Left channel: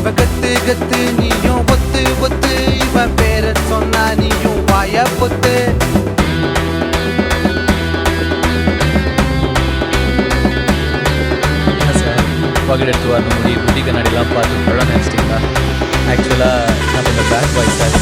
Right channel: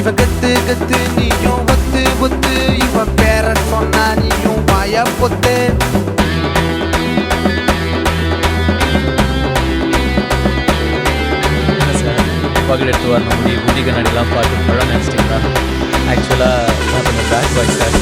இவ கத்து கத்து நீயும் ஒத்து ஒத்து இவ பேர சொன்னா நீயும் வாய பொத்து என்ன சார் பகல் எடுத்து வரணும் முடி புத்தி கண்ணாடிலாம் பார்த்து பழம் நினச்சிட்டிங்களா? ஆக்சுவலாக நான் கொஞ்சம் பேட் பாய் சார்.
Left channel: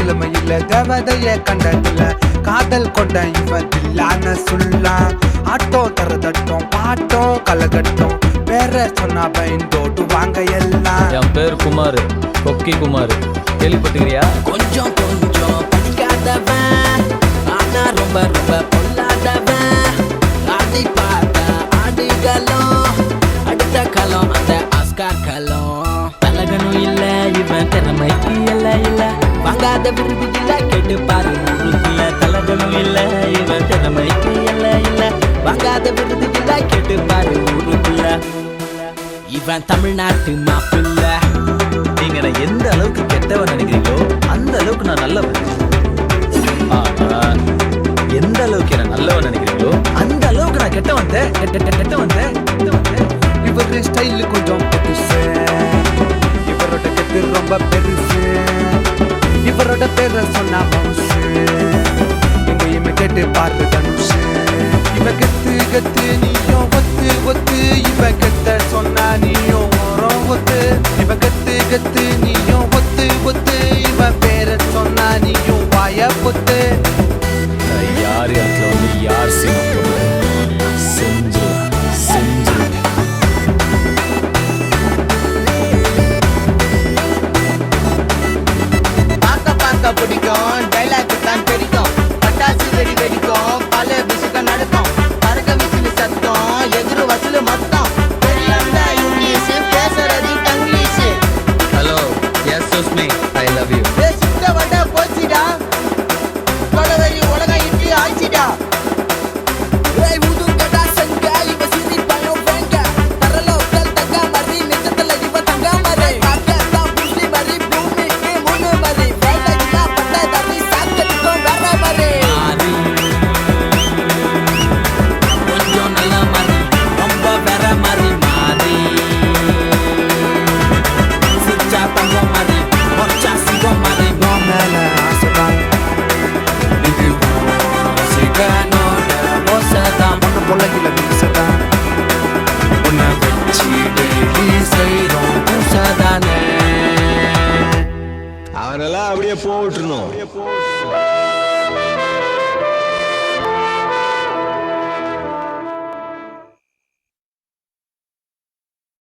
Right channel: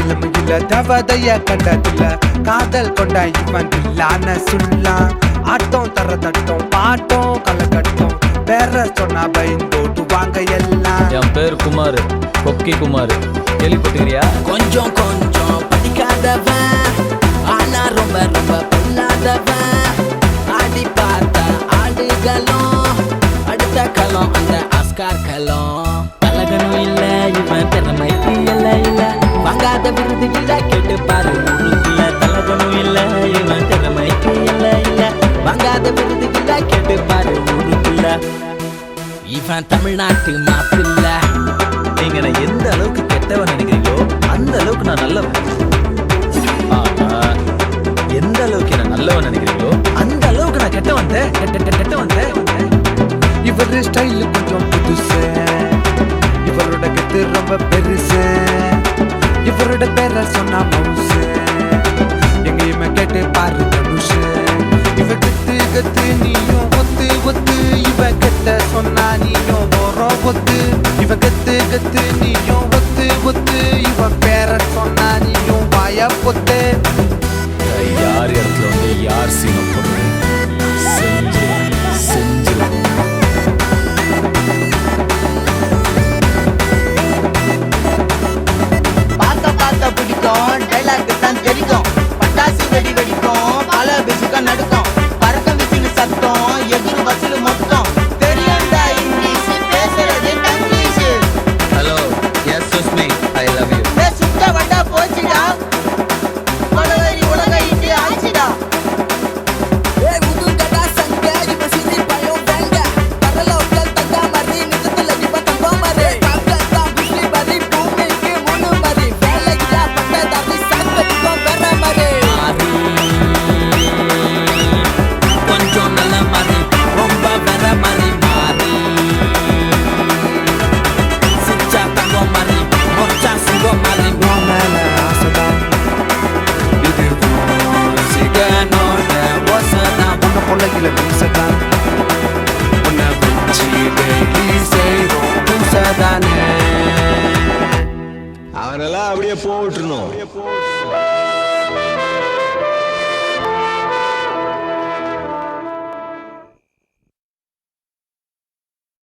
இளமையில தேவதைய கண்டதில்ல காதல் கொண்ட இவன் இல்லான சொல்லாம் ஆட்டம் தர தட்டம் பாட்டம் கலகட்டம் வேற சொன்னா பயன் தோட்டு வாங்க எல்லாம். என் பேர் குமார், கொக்கி குமார், கேள்விப்பட்டுக்கிறியா? கொஞ்சம் கொஞ்சம் படிக்காதவன் ஆனா ரொம்ப ரொம்ப பொல்லாதவன். ஆடி பார்த்தா ஆடிகளும் அடுத்த காலம் அந்த ஆஸ்கார் காலம். பழகனும் இல்ல இவன் திறமைக்கு இல்ல இல்ல வாங்காத விருது இல்ல கேட்டு பாரு ஊருக்குள்ள. தலகனும் இல்ல இவன் திறமைக்கு இல்ல இல்ல வாங்காத விருது இல்ல கேட்டு பாரு ஊருக்குள்ள. இவன் தமிழ்நாட்டில் மாப்பிள்ள. நீங்க நான் எந்த அளவுக்கு கெட்டவன் நினைக்கிறீங்களோ அந்த அளவுக்கு நான் நல்லவன். ஆனா எந்த அளவுக்கு என்ன நல்லவன் நினைக்கிறீங்களோ அந்த அளவுக்கு நான் கெட்டவன் கெட்டவன். இவரு ஸ்டைல் கொஞ்சம் புதுசு, இவரோட கெட்டு ரொம்ப பெருசு, இவரோட பேர சொன்னா பவுசு, எங்கேயுமே கேட்டு பாரு தனுஷு. இவ கத்து கத்து நீயும் ஒத்து ஒத்து இவ கெட்ட சொன்னா நீயும் ஓரம் ஒத்து. இவ கத்து கத்து நீயும் ஒத்து ஒத்து இவ பேர சொன்னா நீயும் வாய பொத்து. யார் இடத்துல வந்து யார் சீனம் போடுறது செஞ்சிருவேன். Hello, yes Sushmi, I love you. மேல ஆசைதான் இது சிகனோட போசதான் பொண்ண பொள்ளையில மீசதான் உன்னை வச்சு டெய்லி செய்றோம் பூசதானே. அவனெல்லாம் அப்படியே போட்டுருணும்.